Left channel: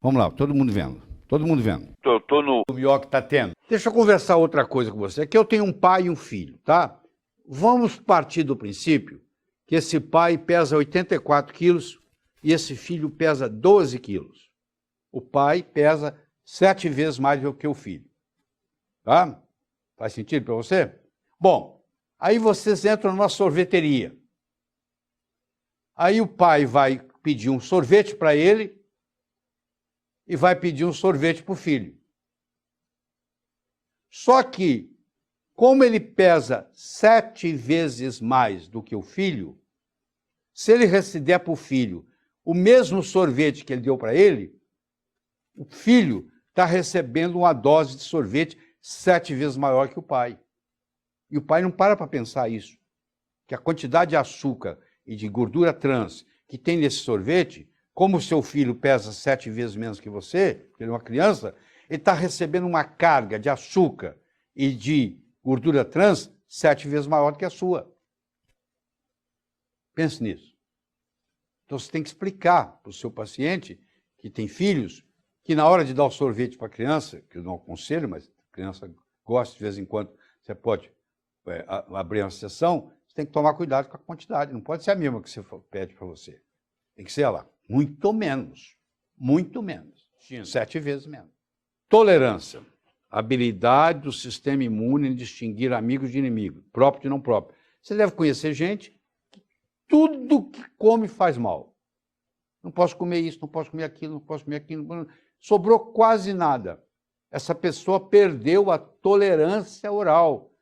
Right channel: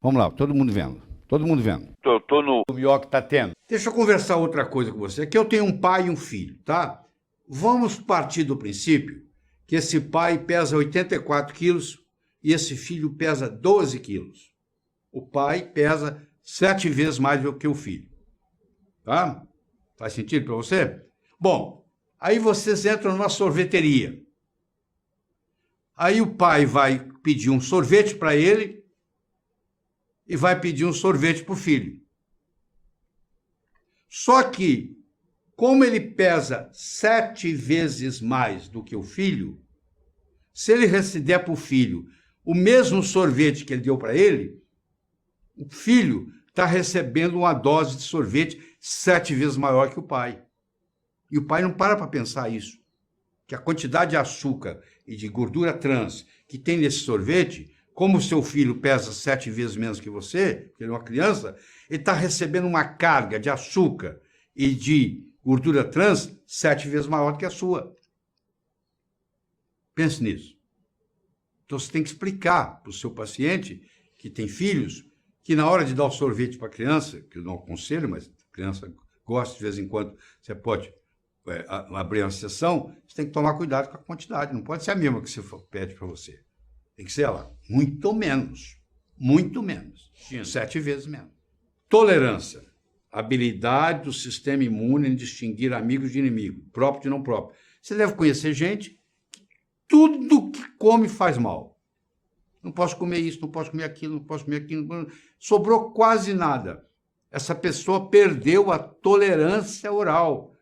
Vamos lá, todo mundo vendo. Todo mundo vendo. Tô no... O melhor que tá tendo. Deixa eu conversar outra coisa com você. Aqui eu tenho um pai e um filho, tá? Vamos partir do princípio que esse pai pesa 84 quilos e esse filho pesa 12 quilos. O pai pesa 7 vezes mais do que o filho. Tá? Faz sentido para você? Bom, aí vocês entram numa sorveteria. Aí o pai vai pedir um sorvete para ele e vai pedir um sorvete para o filho. Só que, como ele pesa 7 vezes mais do que o filho, se ele der para o filho o mesmo sorvete que ele deu para ele, o filho está recebendo uma dose de sorvete 7 vezes maior que o pai. E o pai não para pensar isso, que a quantidade de açúcar e de gordura trans que tem nesse sorvete, como o seu filho pesa 7 vezes menos que você, que ele é uma criança, ele está recebendo uma carga de açúcar e de gordura trans 7 vezes maior do que a sua. Pense nisso. Então você tem que explicar para o seu paciente que tem filhos que na hora de dar o sorvete para a criança, que eu não aconselho, mas a criança gosta de vez em quando, você pode abrir uma sessão, você tem que tomar cuidado com a quantidade. Não pode ser a mesma que você pede para você. Tem que ser ela, muito menos. Muito menos. 7 vezes menos. Tolerância. Habilidade do sistema imune em distinguir amigos de inimigos, próprio de não próprio. Você deve conhecer gente que tudo que come faz mal. Não posso comer isso, não posso comer aquilo, não posso comer aquilo. Sobrou quase nada. Essa pessoa perdeu a tolerância oral.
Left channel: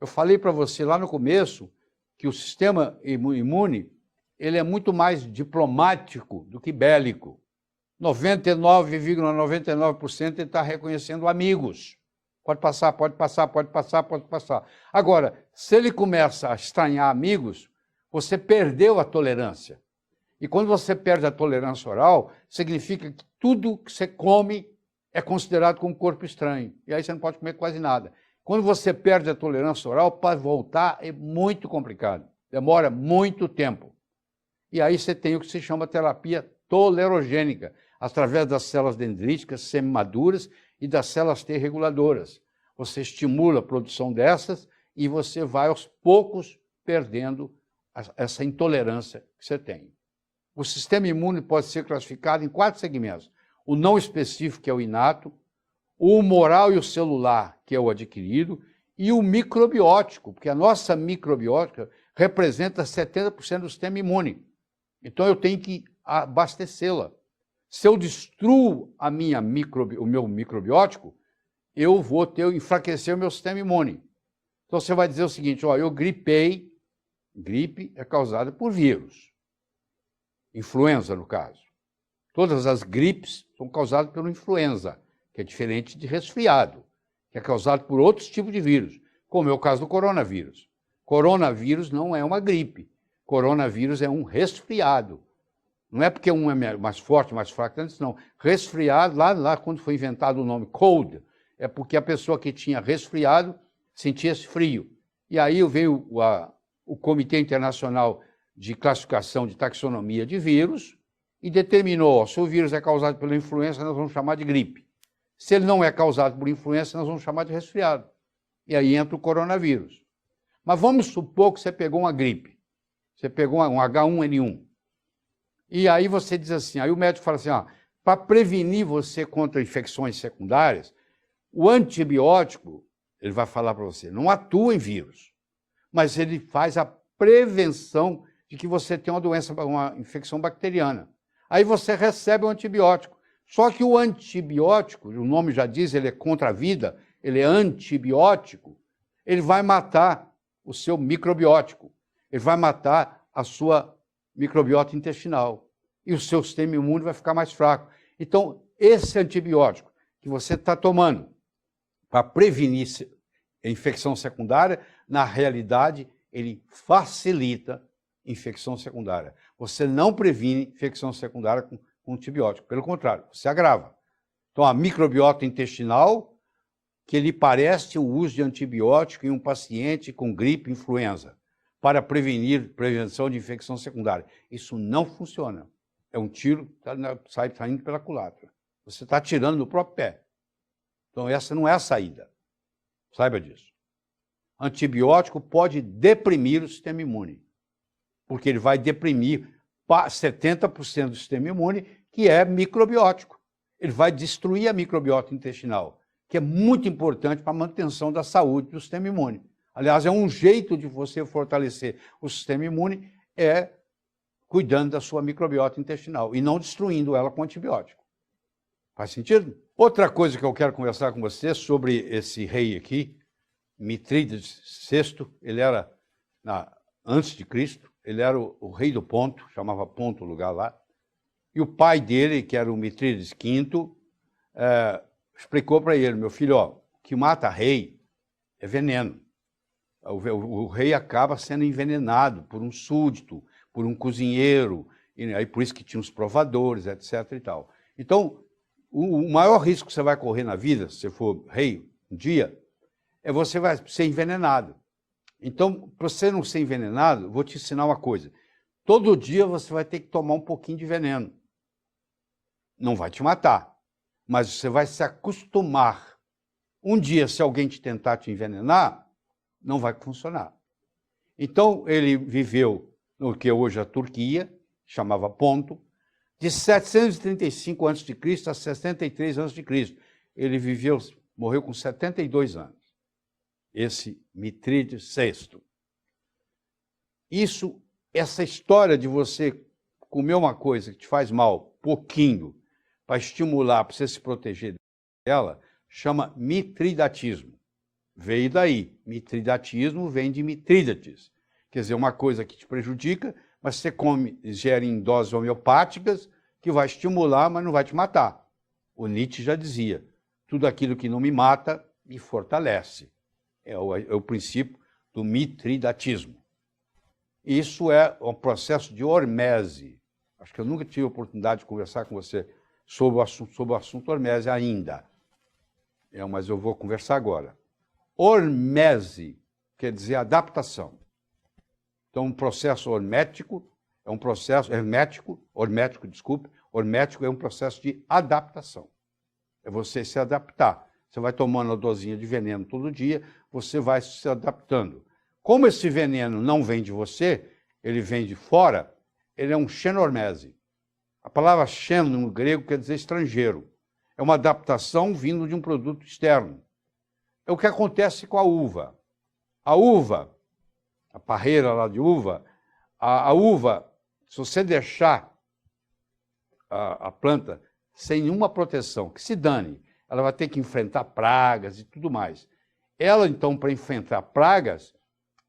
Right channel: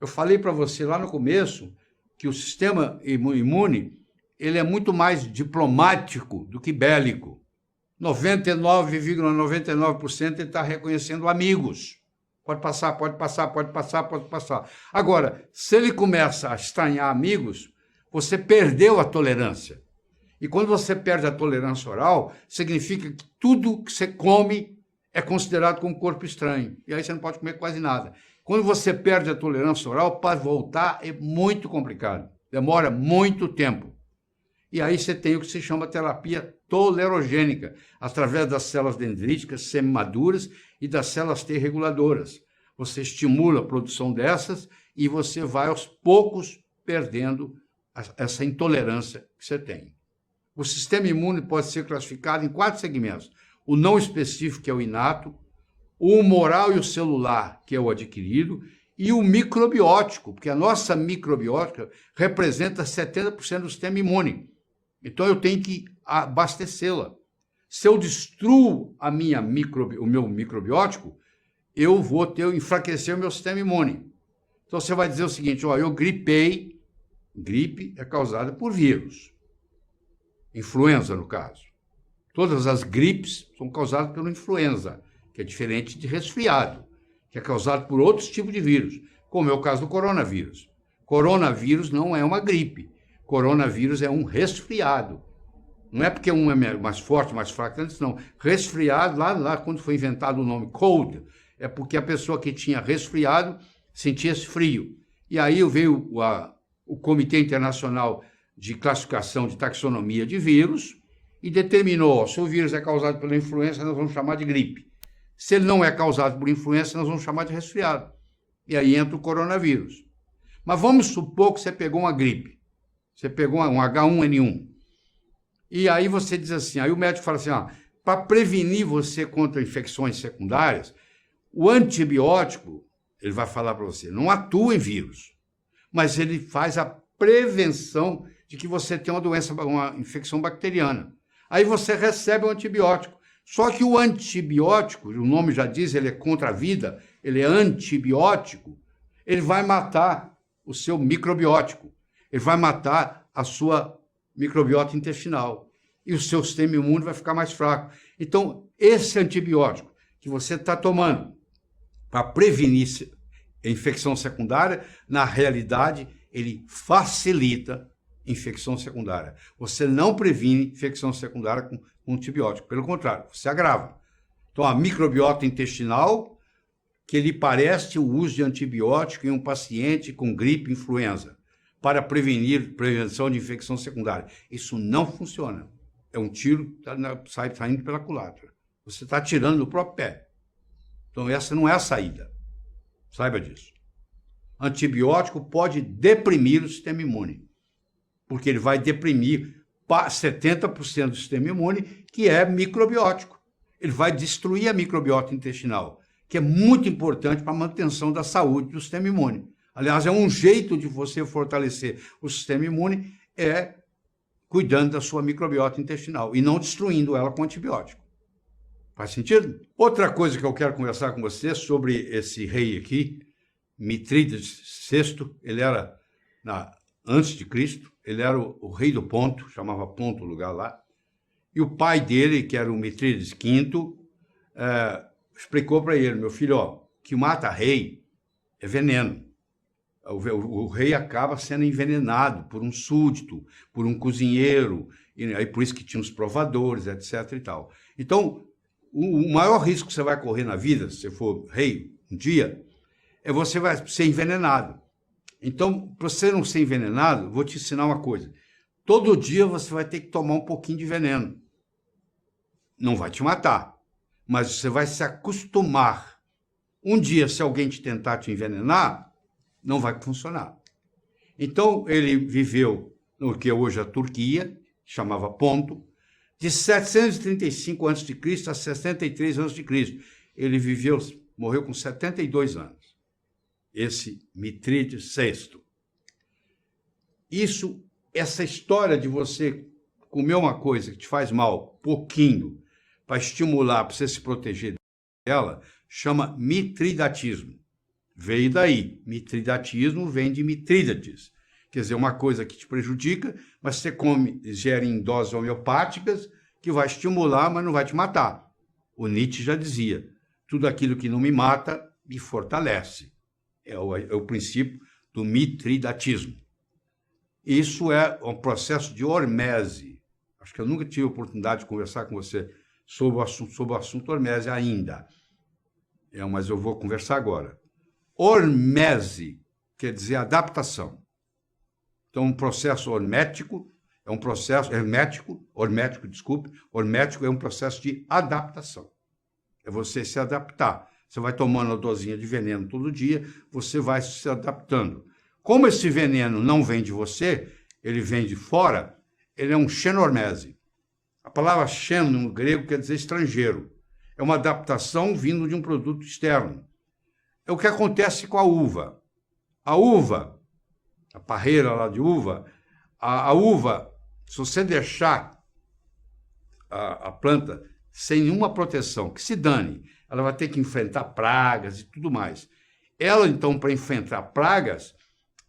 Eu falei para você lá no começo que o sistema imune ele é muito mais diplomático do que bélico. 99,99% ele está reconhecendo amigos. Pode passar, pode passar, pode passar, pode passar. Agora, se ele começa a estranhar amigos, você perdeu a tolerância. E quando você perde a tolerância oral, significa que tudo que você come é considerado como corpo estranho. E aí você não pode comer quase nada. Quando você perde a tolerância oral, para voltar é muito complicado. Demora muito tempo. E aí você tem o que se chama terapia tolerogênica, através das células dendríticas semimaduras e das células T reguladoras. Você estimula a produção dessas e você vai aos poucos perdendo essa intolerância que você tem. O sistema imune pode ser classificado em 4 segmentos. O não específico, que é o inato, o humoral e o celular, que é o adquirido, e o microbiótico, porque a nossa microbiótica representa 70% do sistema imune. Então eu tenho que abastecê-la. Se eu destruo o meu microbiótico, eu vou enfraquecer o meu sistema imune. Então você vai dizer o seguinte, ó, eu gripei, gripe é causada por vírus. Influenza, no caso. Todas as gripes são causadas pela influenza, que é diferente de resfriado, que é causado por outros tipos de vírus, como é o caso do coronavírus. Coronavírus não é uma gripe. Coronavírus é um resfriado. Não é porque um é mais forte, mais fraco, não. Resfriado, lá quando foi inventado o nome cold, é porque a pessoa que tinha resfriado sentia esse frio. E aí veio o Comitê Internacional de Classificação de Taxonomia de Vírus e determinou, se o vírus é causado pela influenza, nós vamos chamar de gripe. Se ele não é causado por influenza, nós vamos chamar de resfriado. E aí entra o coronavírus. Mas vamos supor que você pegou uma gripe. Você pegou um H1N1. E aí você diz assim, aí o médico fala assim, para prevenir você contra infecções secundárias, o antibiótico, ele vai falar para você, não atua em vírus, mas ele faz a prevenção de que você tem uma infecção bacteriana. Aí você recebe o antibiótico. Só que o antibiótico, o nome já diz, ele é contra a vida, ele é antibiótico, ele vai matar o seu microbiótico, ele vai matar a sua microbiota intestinal e o seu sistema imune vai ficar mais fraco. Então, esse antibiótico que você está tomando para prevenir a infecção secundária, na realidade, ele facilita a infecção secundária. Você não previne infecção secundária com antibiótico, pelo contrário, você agrava. Então, a microbiota intestinal, que lhe parece o uso de antibiótico em um paciente com gripe e influenza, para prevenção de infecção secundária. Isso não funciona. É um tiro, sai saindo pela culatra. Você está tirando do próprio pé. Então, essa não é a saída. Saiba disso. Antibiótico pode deprimir o sistema imune, porque ele vai deprimir 70% do sistema imune, que é microbiótico. Ele vai destruir a microbiota intestinal, que é muito importante para a manutenção da saúde do sistema imune. Aliás, é um jeito de você fortalecer o sistema imune, é cuidando da sua microbiota intestinal e não destruindo ela com antibiótico. Faz sentido? Outra coisa que eu quero conversar com você sobre esse rei aqui, Mitrídates VI, ele era, antes de Cristo, ele era o rei do Ponto, chamava Ponto o lugar lá, e o pai dele, que era o Mitrídates V, explicou para ele, meu filho, ó, o que mata rei é veneno. O rei acaba sendo envenenado por um súdito, por um cozinheiro, e aí por isso que tinha os provadores, etc. e tal. Então, o maior risco que você vai correr na vida, se você for rei um dia, é você vai ser envenenado. Então, para você não ser envenenado, vou te ensinar uma coisa. Todo dia você vai ter que tomar um pouquinho de veneno. Não vai te matar, mas você vai se acostumar. Um dia, se alguém te tentar te envenenar, não vai funcionar. Então, ele viveu no que hoje é a Turquia, chamava Ponto, de 735 a.C. a 63 a.C. Ele morreu com 72 anos. Esse Mitrídates VI. Essa história de você comer uma coisa que te faz mal, pouquinho, para estimular, para você se proteger dela, chama mitridatismo. Veio daí. Mitridatismo vem de Mitrídates. Quer dizer, uma coisa que te prejudica, mas você come, ingere em doses homeopáticas, que vai estimular, mas não vai te matar. O Nietzsche já dizia, tudo aquilo que não me mata, me fortalece. É o princípio do mitridatismo. Isso é um processo de hormese. Acho que eu nunca tive a oportunidade de conversar com você sobre o assunto hormese ainda. Mas eu vou conversar agora. Hormese quer dizer adaptação. Então, um processo hormético é um processo hermético é um processo de adaptação. É você se adaptar. Você vai tomando a dosinha de veneno todo dia, você vai se adaptando. Como esse veneno não vem de você, ele vem de fora, ele é um xenormese. A palavra xeno no grego quer dizer estrangeiro. É uma adaptação vindo de um produto externo. É o que acontece com a uva. A uva, a parreira lá de uva, a uva, se você deixar a planta sem nenhuma proteção, que se dane, ela vai ter que enfrentar pragas e tudo mais. Ela, então, para enfrentar pragas,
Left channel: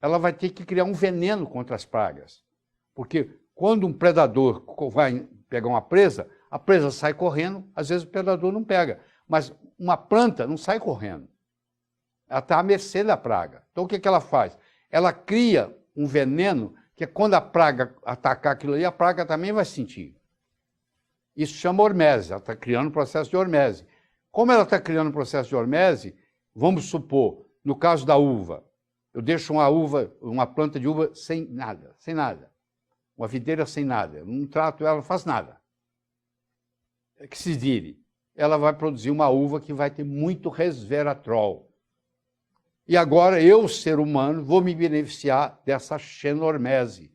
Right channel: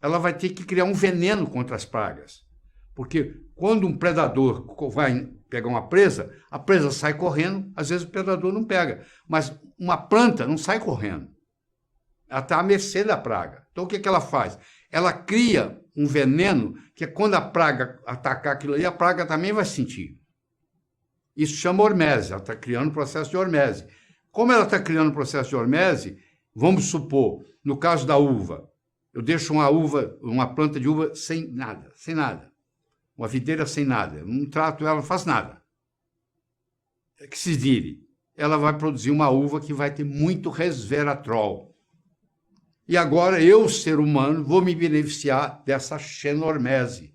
ela vai ter que criar um veneno contra as pragas. Porque quando um predador vai pegar uma presa, a presa sai correndo, às vezes o predador não pega. Mas uma planta não sai correndo. Ela está à mercê da praga. Então, o que ela faz? Ela cria um veneno que quando a praga atacar aquilo ali, a praga também vai sentir. Isso chama hormese. Ela está criando um processo de hormese. Como ela está criando um processo de hormese, vamos supor, no caso da uva, eu deixo uma planta de uva sem nada. Uma videira sem nada. Eu não trato ela, não faço nada. Que se vire. Ela vai produzir uma uva que vai ter muito resveratrol. E agora eu, ser humano, vou me beneficiar dessa xenormese,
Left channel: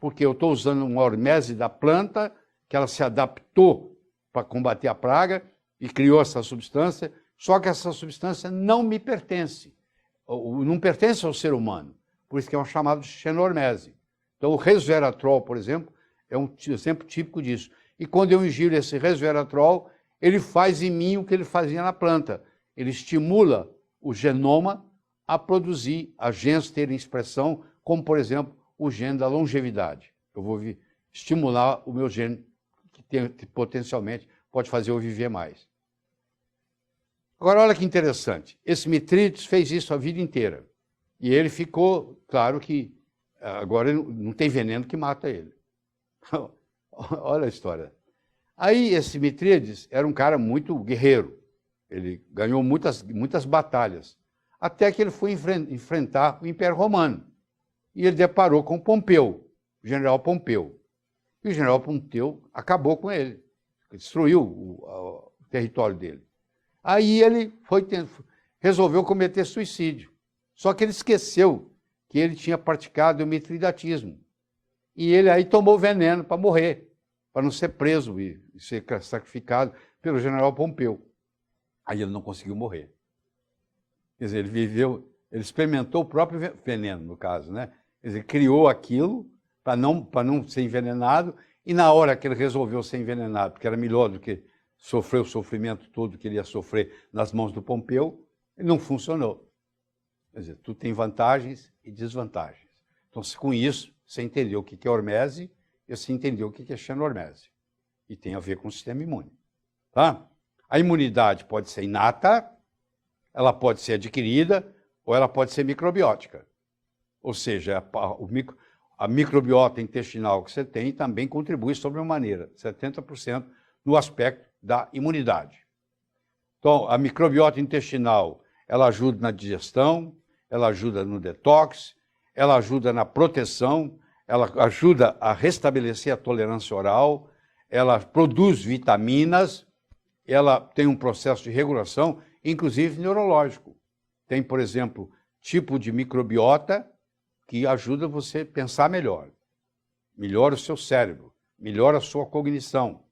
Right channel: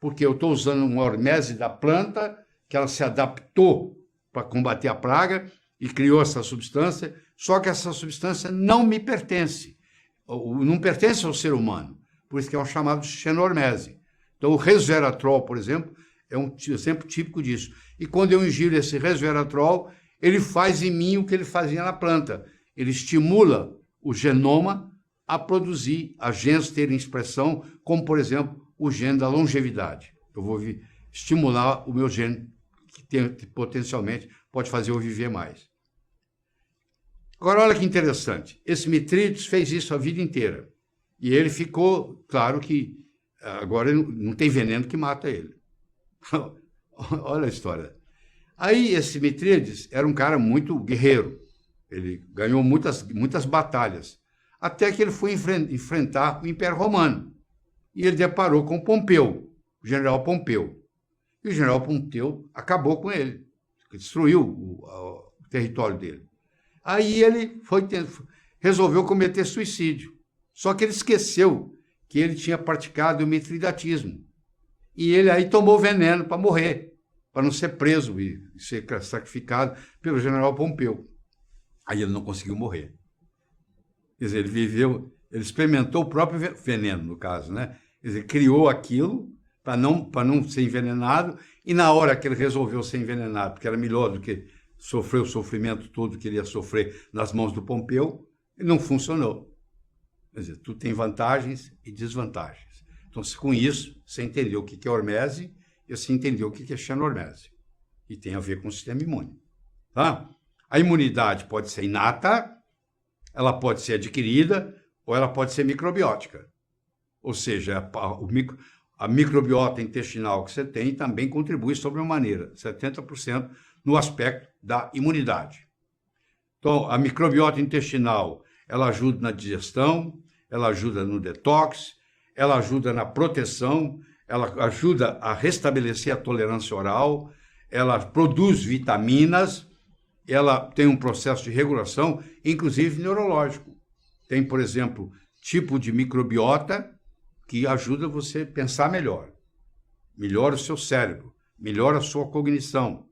porque eu estou usando uma hormese da planta, que ela se adaptou para combater a praga e criou essa substância, só que essa substância não me pertence, não pertence ao ser humano, por isso que é um chamado de xenormese. Então o resveratrol, por exemplo, é um exemplo típico disso. E quando eu ingiro esse resveratrol, ele faz em mim o que ele fazia na planta. Ele estimula o genoma a produzir a genes terem expressão, como, por exemplo, o gene da longevidade. Eu vou estimular o meu gene, que potencialmente pode fazer eu viver mais. Agora, olha que interessante. Esse Mitrídates fez isso a vida inteira. E ele ficou, claro que agora não tem veneno que mata ele. Olha a história. Aí, esse Mitrídates era um cara muito guerreiro. Ele ganhou muitas batalhas. Até que ele foi enfrentar o Império Romano. E ele deparou com Pompeu, o general Pompeu. E o general Pompeu acabou com ele, destruiu o território dele. Aí ele resolveu cometer suicídio. Só que ele esqueceu que ele tinha praticado o mitridatismo. E ele aí tomou veneno para morrer, para não ser preso e ser sacrificado pelo general Pompeu. Aí ele não conseguiu morrer. Quer dizer, ele experimentou o próprio veneno, no caso, né? Quer dizer, criou aquilo para não ser envenenado, e na hora que ele resolveu ser envenenado, porque era melhor do que sofrer o sofrimento todo que ele ia sofrer nas mãos do Pompeu, ele não funcionou. Quer dizer, tudo tem vantagens e desvantagens. Então, com isso, você entendeu o que é hormese e você entendeu o que é xenormese. E tem a ver com o sistema imune. Tá? A imunidade pode ser inata, ela pode ser adquirida, ou ela pode ser microbiótica. Ou seja, a microbiota intestinal que você tem também contribui sobremaneira, 70% no aspecto da imunidade. Então, a microbiota intestinal, ela ajuda na digestão, ela ajuda no detox, ela ajuda na proteção, ela ajuda a restabelecer a tolerância oral, ela produz vitaminas, ela tem um processo de regulação, inclusive neurológico. Tem, por exemplo, tipo de microbiota que ajuda você a pensar melhor, melhora o seu cérebro, melhora a sua cognição.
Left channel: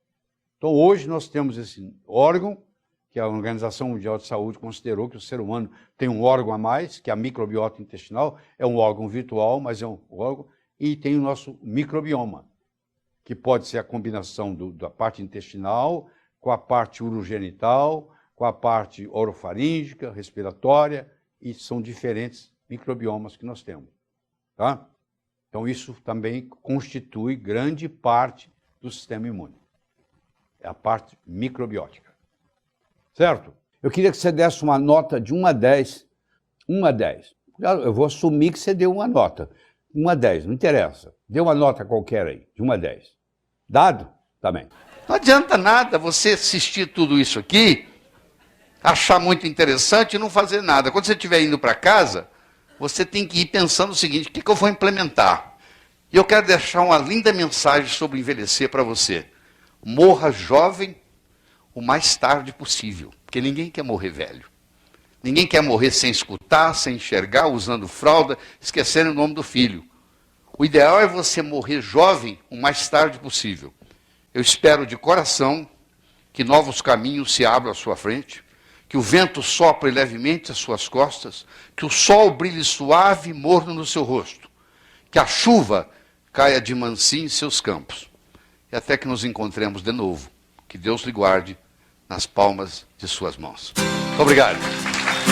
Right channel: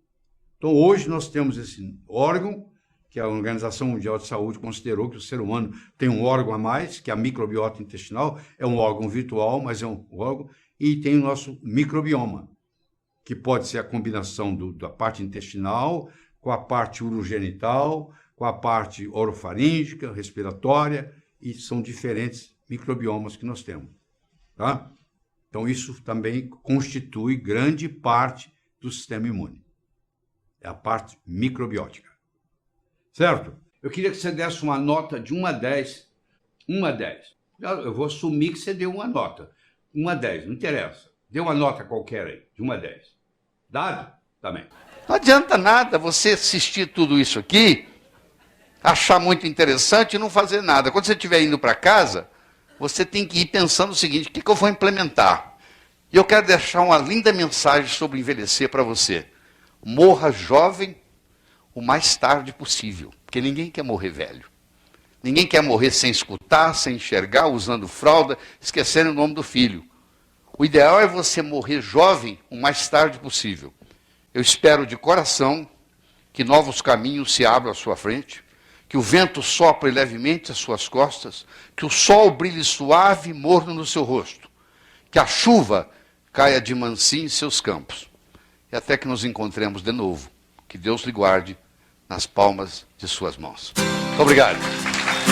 Então, hoje nós temos esse órgão, que a Organização Mundial de Saúde considerou que o ser humano tem um órgão a mais, que é a microbiota intestinal, é um órgão virtual, mas é um órgão, e tem o nosso microbioma, que pode ser a combinação da parte intestinal com a parte urogenital, com a parte orofaríngea, respiratória, e são diferentes microbiomas que nós temos. Tá? Então, isso também constitui grande parte do sistema imune. É a parte microbiótica. Certo? Eu queria que você desse uma nota de 1 a 10. 1 a 10. Eu vou assumir que você deu uma nota. 1 a 10, não interessa. Dê uma nota qualquer aí, de 1 a 10. Dado? Também. Não adianta nada você assistir tudo isso aqui, achar muito interessante e não fazer nada. Quando você estiver indo para casa, você tem que ir pensando o seguinte: o que eu vou implementar? E eu quero deixar uma linda mensagem sobre envelhecer para você. Morra jovem o mais tarde possível, porque ninguém quer morrer velho. Ninguém quer morrer sem escutar, sem enxergar, usando fralda, esquecendo o nome do filho. O ideal é você morrer jovem o mais tarde possível. Eu espero de coração que novos caminhos se abram à sua frente, que o vento sopre levemente às suas costas, que o sol brilhe suave e morno no seu rosto, que a chuva caia de mansinho em seus campos. E até que nos encontremos de novo. Que Deus lhe guarde nas palmas de suas mãos. Muito obrigado.